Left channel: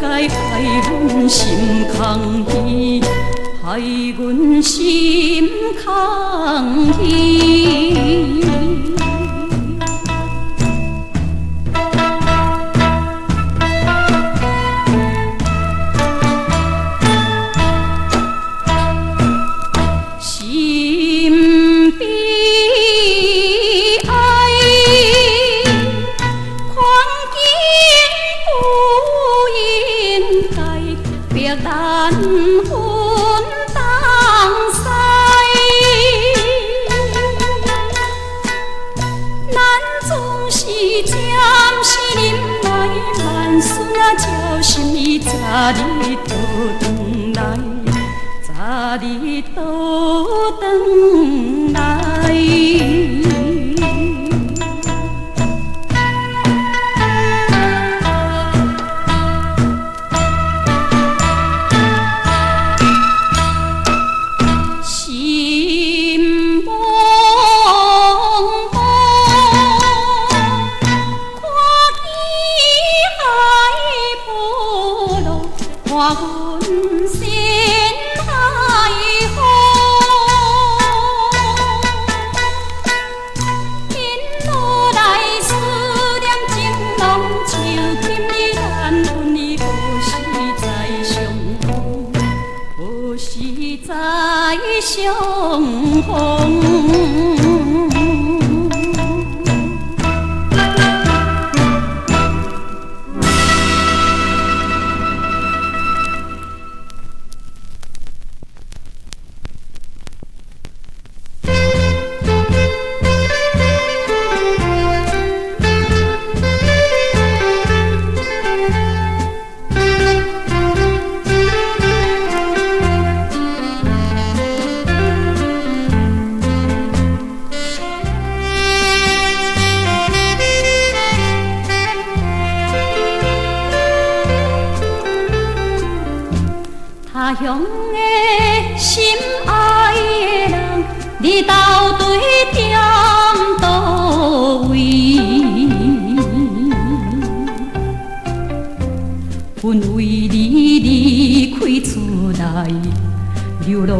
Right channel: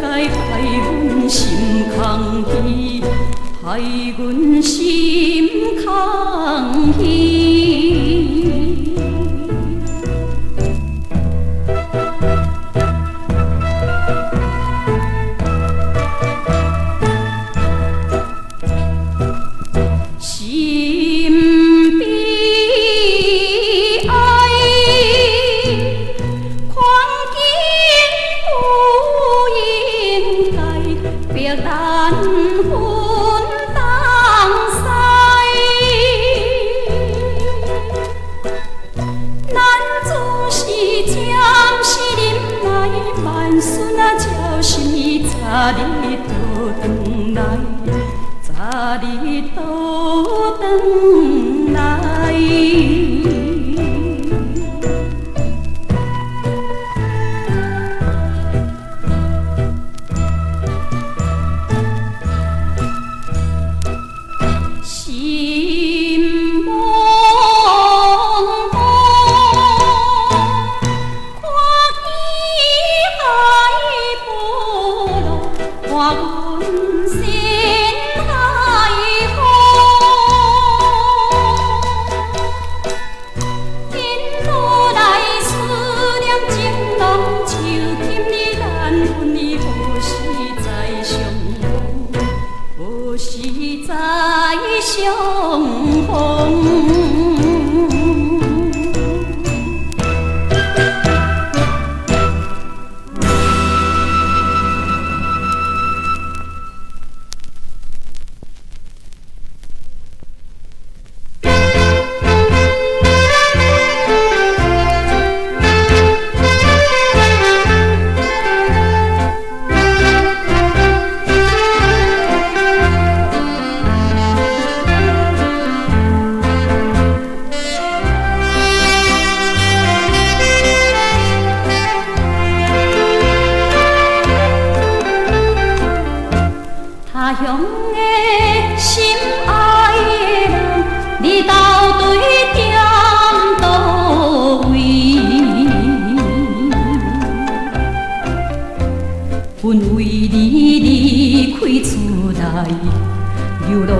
该害阮心空虚，害阮心空虚。咱分当西，咱总是暂时忍耐，万顺啊照心意，早日倒转来，早日倒转来。看阮心海风，因无来思念情浓，就欠你咱阮的何时再相逢？何时再相逢？他乡的心爱的人，你到底踮倒位？阮为你离开厝内，流浪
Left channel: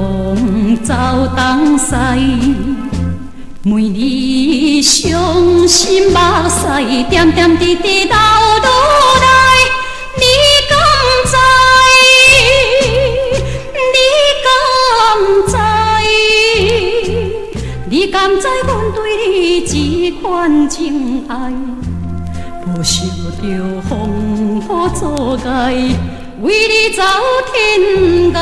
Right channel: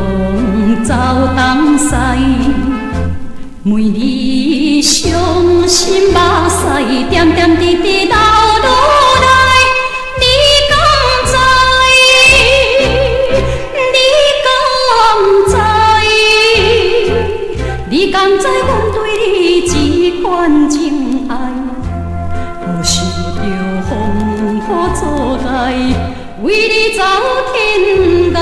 走东西，每日伤心目屎，点点滴滴流落来，你敢知？你敢知阮对你这款情爱，无受着风雨阻碍，为你走天涯。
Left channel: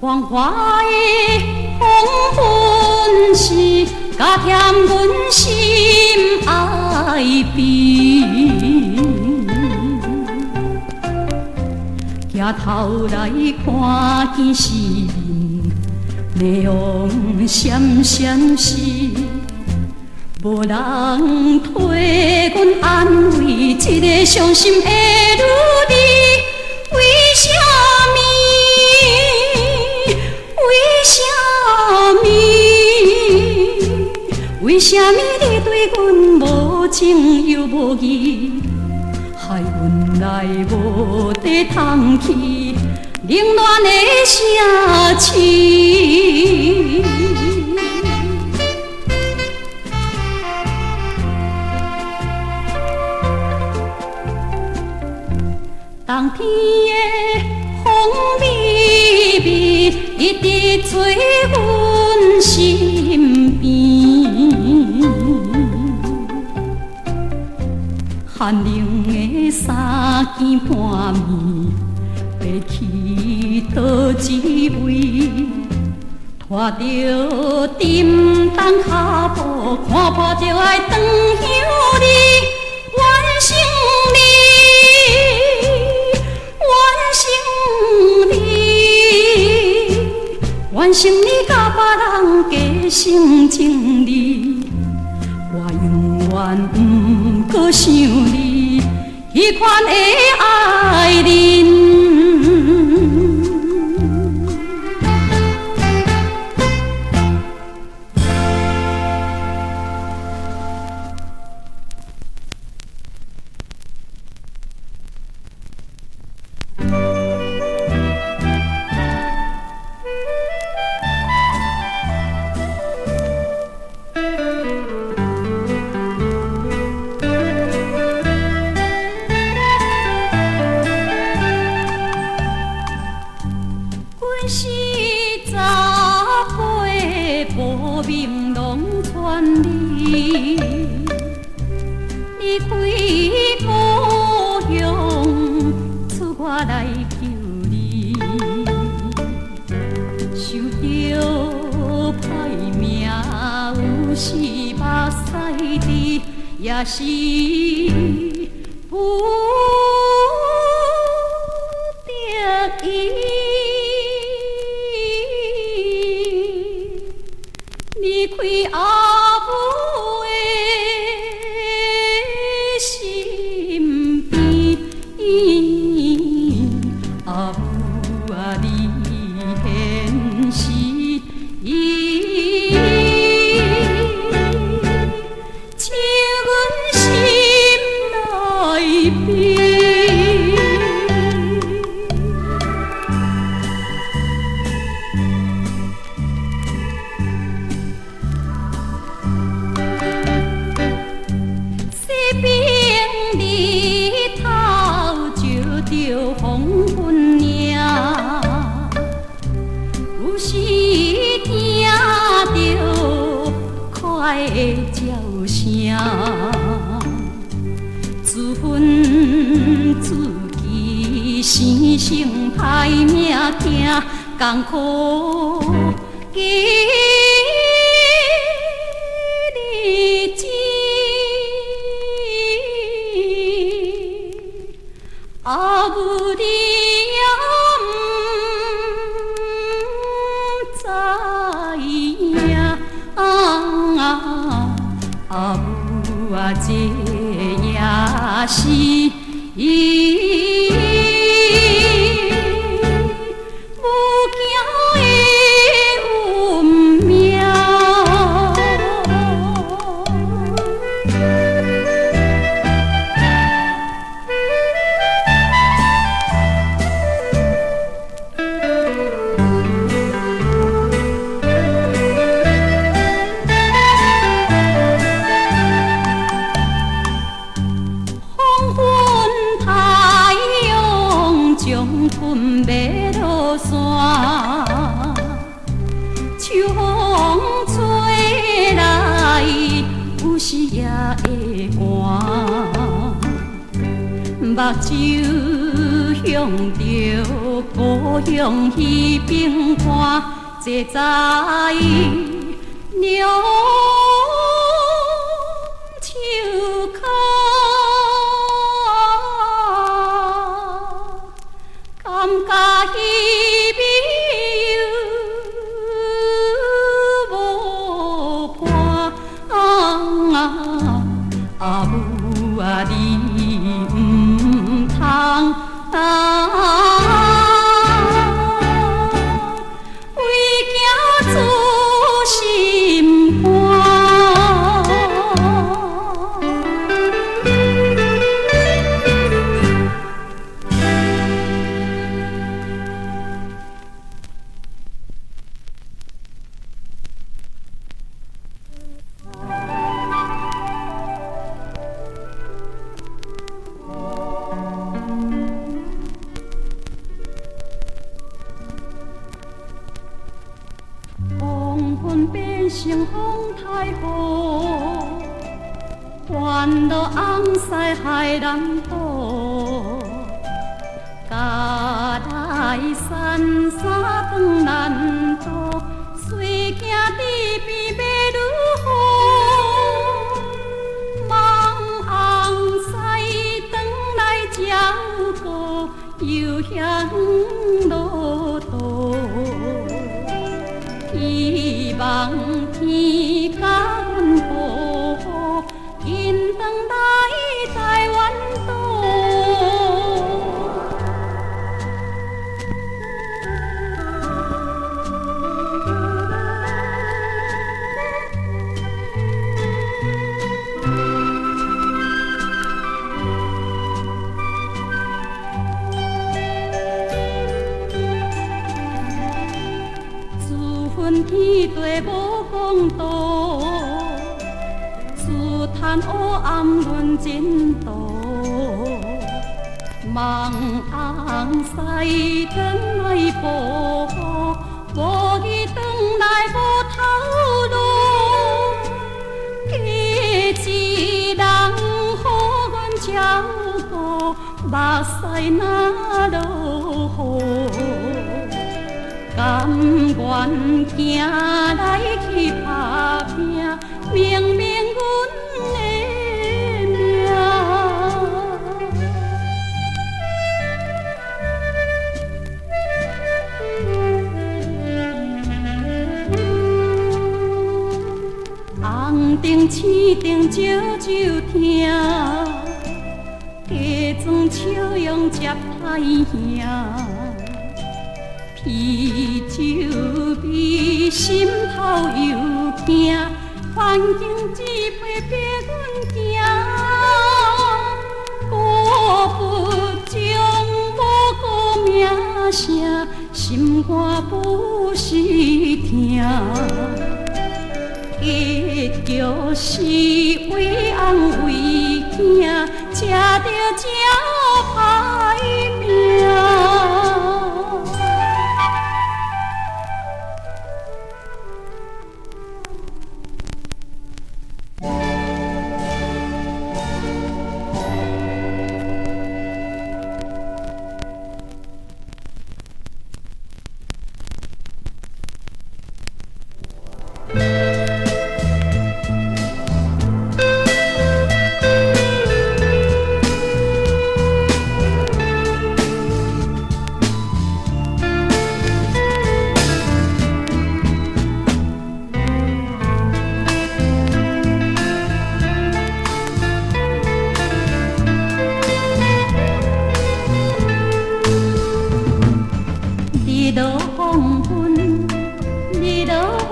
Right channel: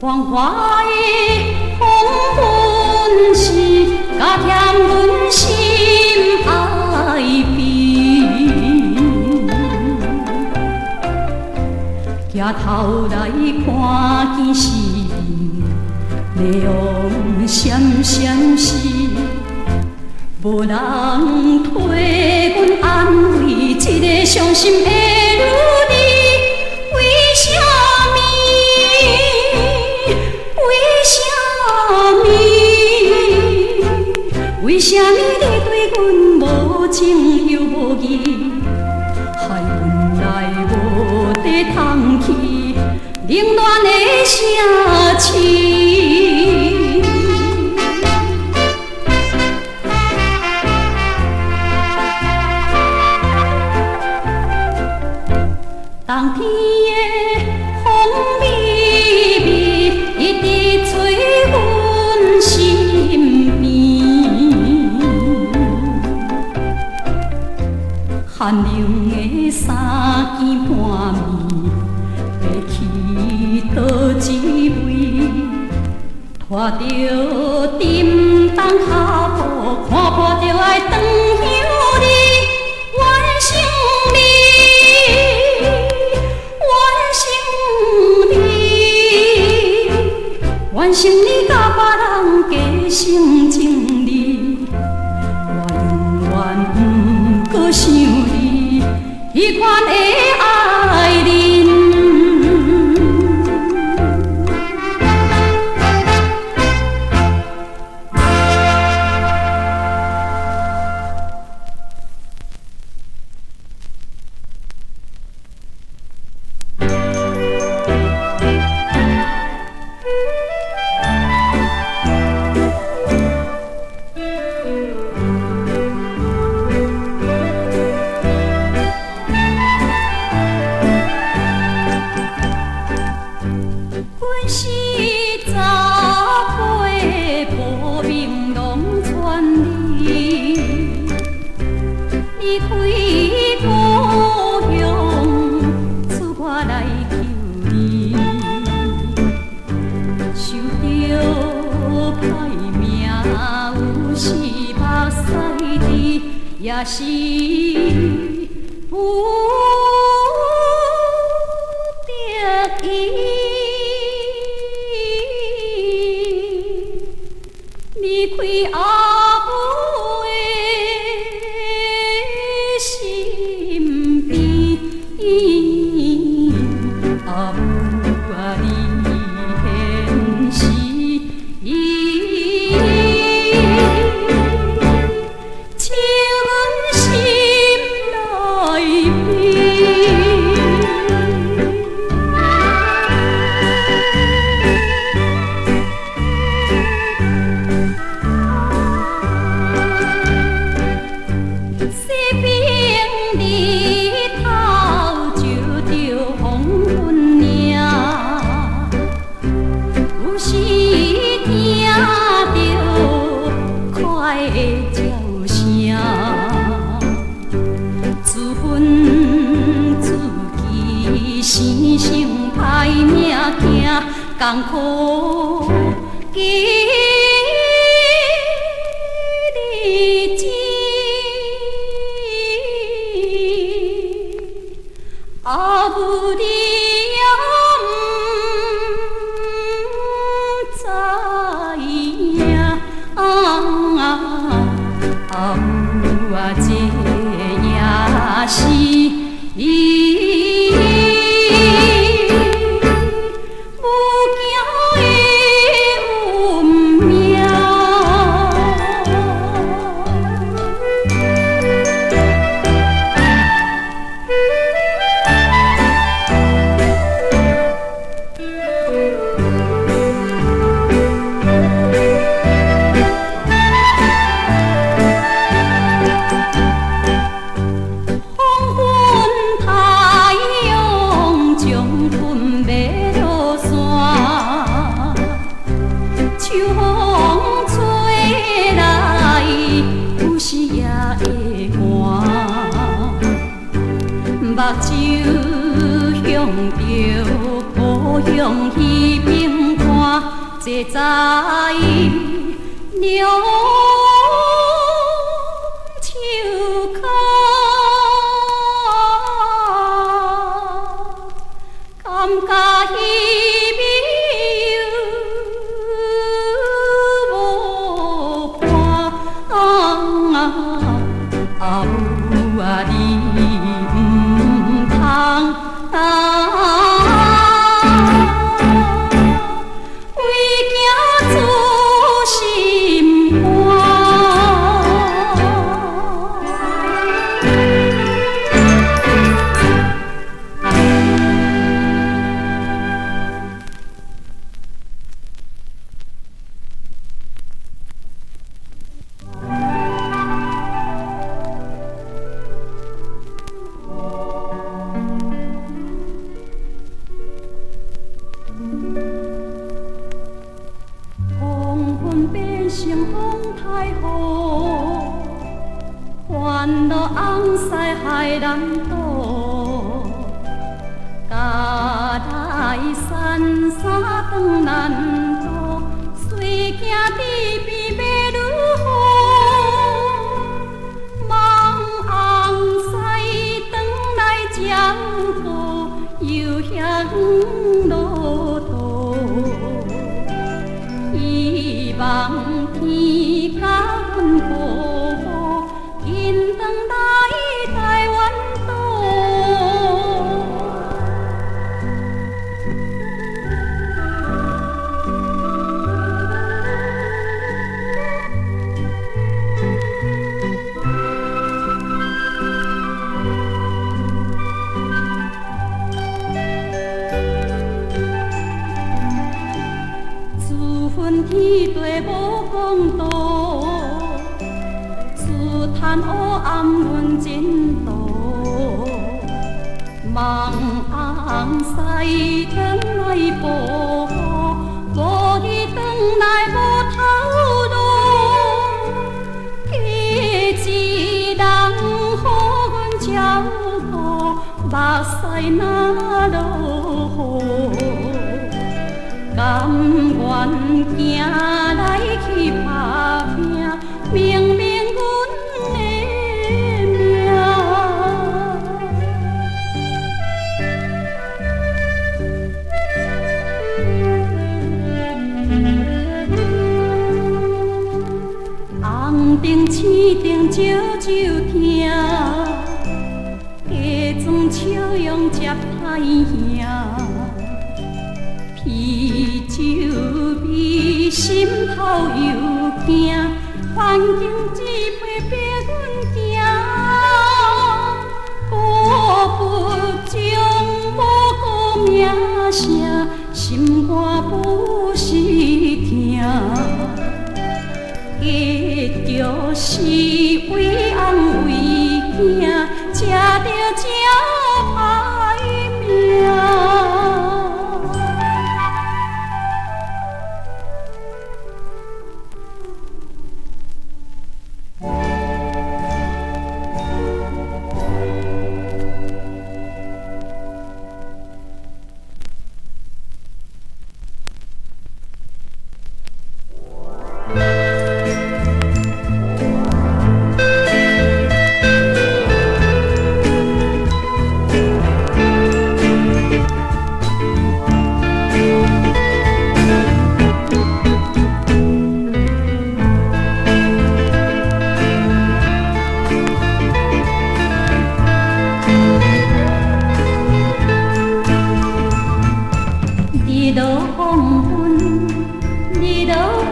黄花的黄昏时，加添阮心爱悲。抬头来看见是面，内阳闪闪时，无人替阮安慰，一个伤心的女儿，为什么？为什么你对阮无情又无义？害阮来无地通去，冷暖的城市。冬天的风微微，一直吹阮身边，寒冷的衫件半暝，爬去倒一位，拖着沉重脚步，看破就爱转向你，怨生怨生你甲别人加成情理，我永远不过想你迄款的爱人。 啊，也是不得已。离开阿母的身边，阿母啊，你现时请阮心内边。西边日头照着黄昏影，有时听着快的叫声，自分自己生性歹命行，艰苦的日子。阿母你也不知影，阿母啊，这也是母子的运命。春要落山，秋风吹来，有时也会寒。目睭向着故乡彼边看，这在娘手脚。感觉伊美无伴，阿母啊，你唔通为囝自心寒。变成风太雨，烦恼红西害人多。家来山山长难渡，随行伫边要如何？望红西转来照顾，又向路途。希望天甲阮保护，紧转来台湾岛。自分天地无公道，自叹黑暗论前途。望红西转来保护，无伊转来无头路。一人予阮照顾，目屎哪落雨？甘愿行来去打拼，明明阮的用接歹兄，啤酒味心头又惊，环境只陪逼阮行，孤不将无顾名声，心肝不是疼。结局是为翁为囝，吃着真歹命。日落黄昏，日落黄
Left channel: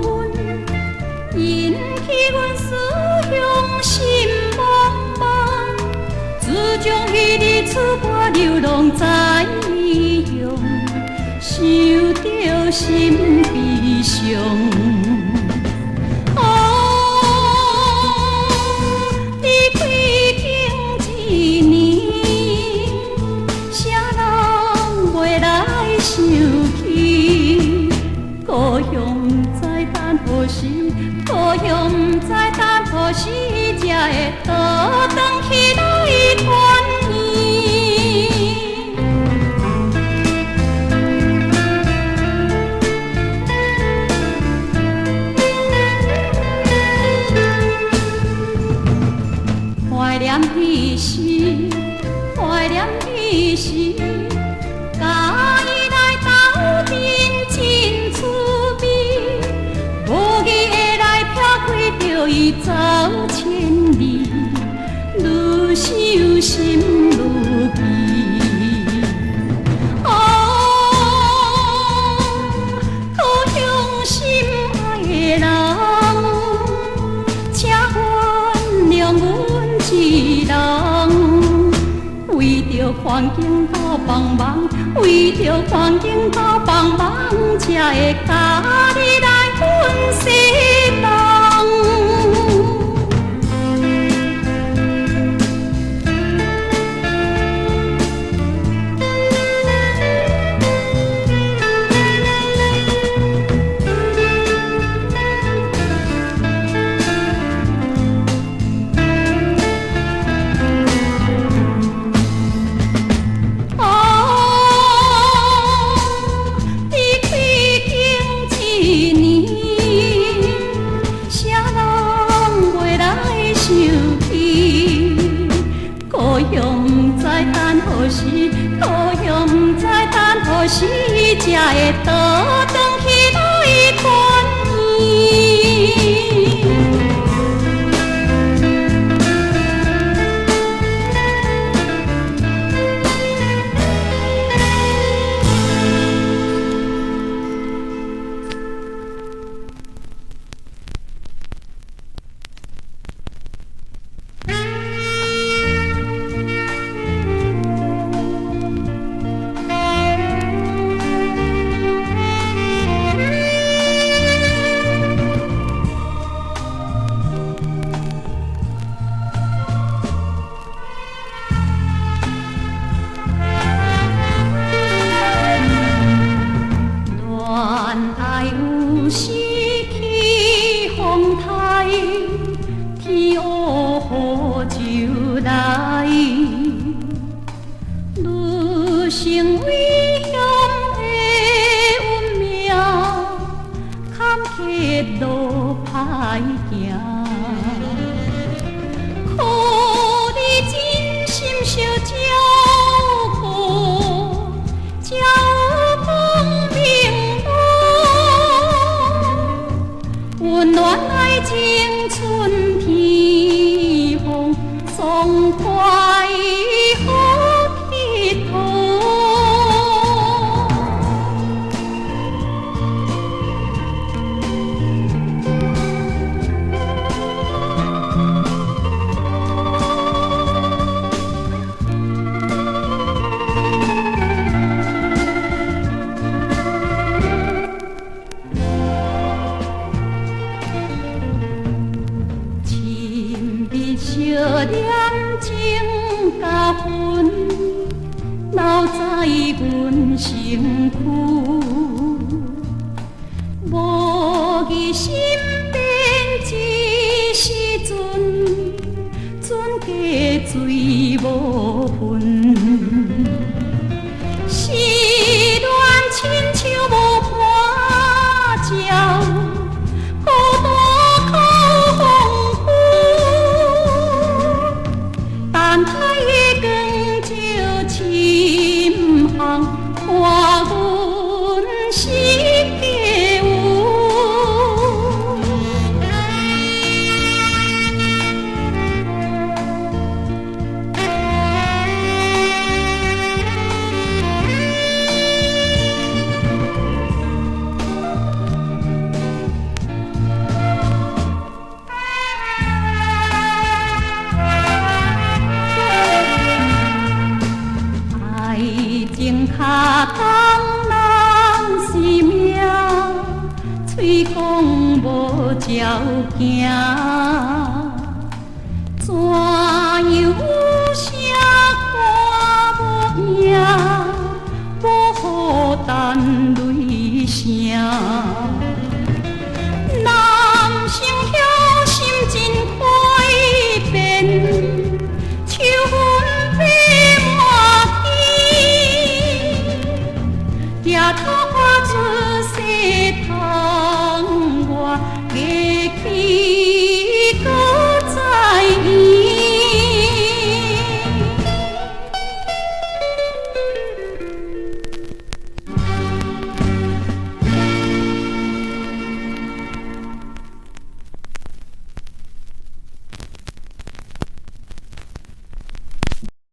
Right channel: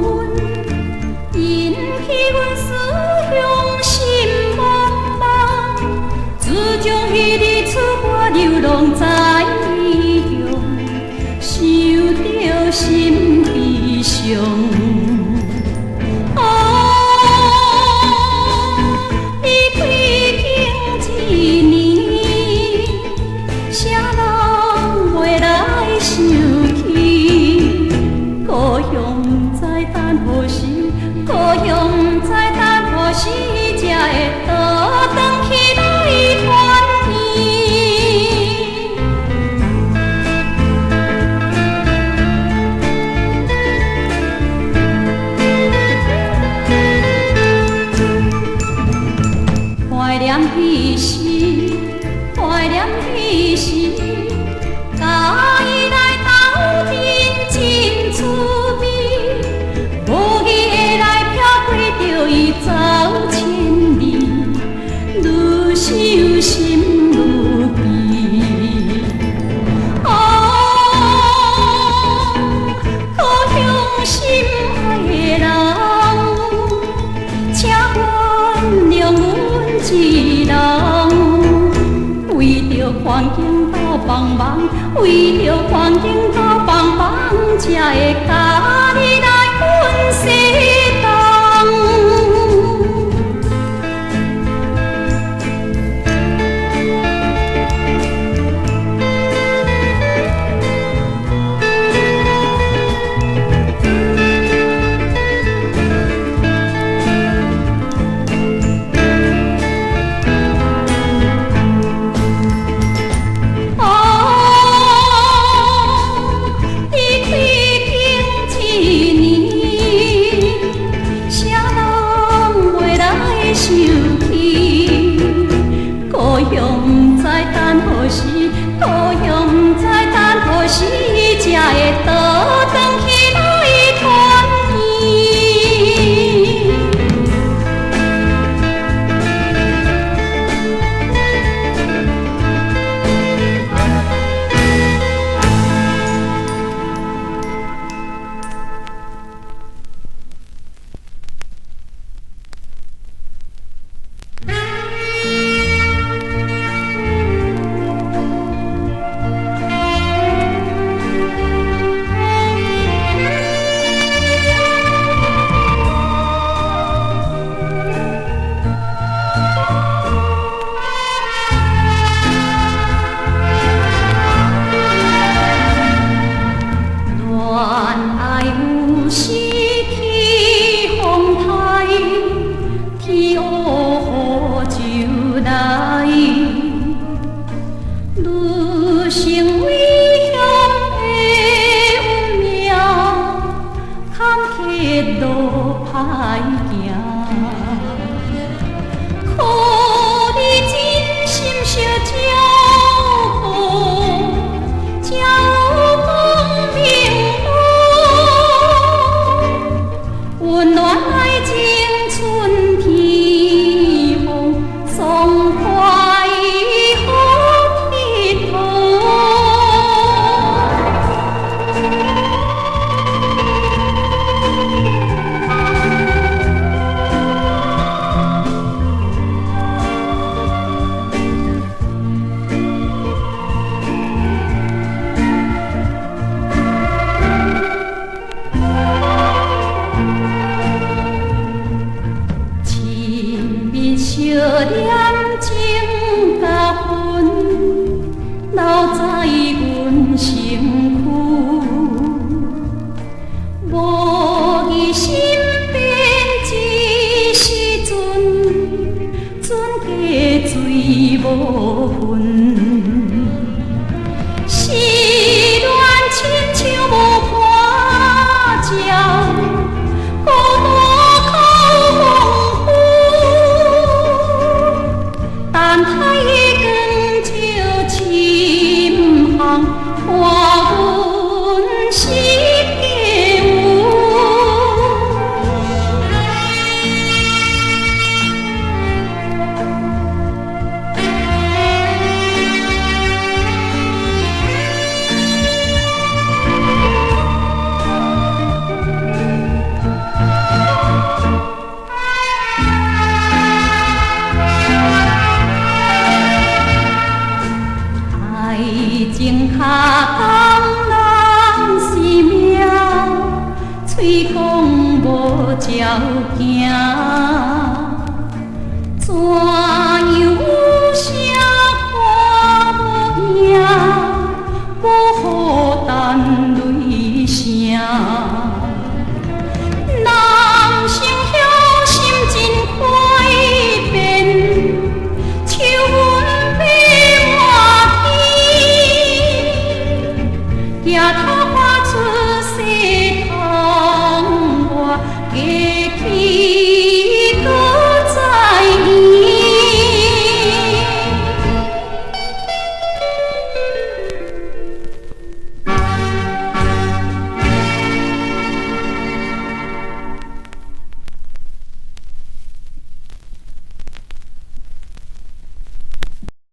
昏，引起阮思乡心茫茫。自从迄日出外流浪在异乡，受着心悲伤。故乡在等何时？故乡在等何时？才会倒转起来团圆？怀念彼时，怀念彼时，甲伊来斗阵真趣味。无义的来撇开着伊走千里，愈想心愈悲。故乡心爱的人，请原谅阮一人，为着环境斗帮忙，为着环境斗帮忙，才会甲你来分西东。故乡在等何时？故乡在等何时？才会倒转起来团圆？身躯，无伊身边一时阵，船家水无份，失恋亲像无伴照，孤单靠风雨，等待的光照深巷，看阮是家有。爱情卡当人是命，嘴讲无照行。